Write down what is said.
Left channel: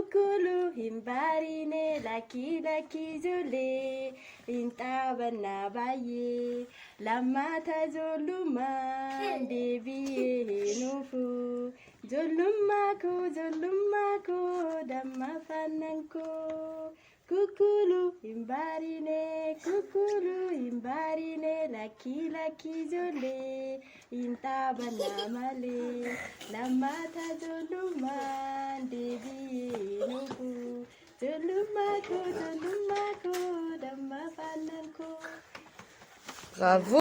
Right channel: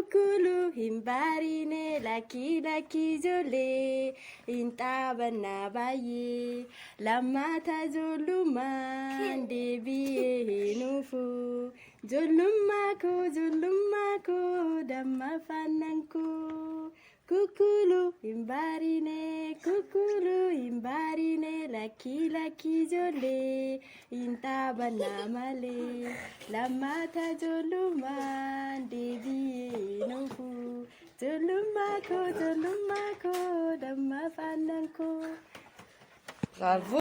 kukulu himbarine laki laki jole intabana baye lamata joluma debiye nufu joluma ko damma fananko kukulu himbarine laki laki jole intabana male lamata joluma debiye nufu joluma ko damma fananko. Bravo.